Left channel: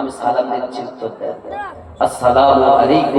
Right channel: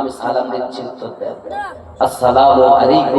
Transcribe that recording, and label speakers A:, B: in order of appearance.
A: আমি সালাম দিচ্ছি আসসালাম আলাইকুম।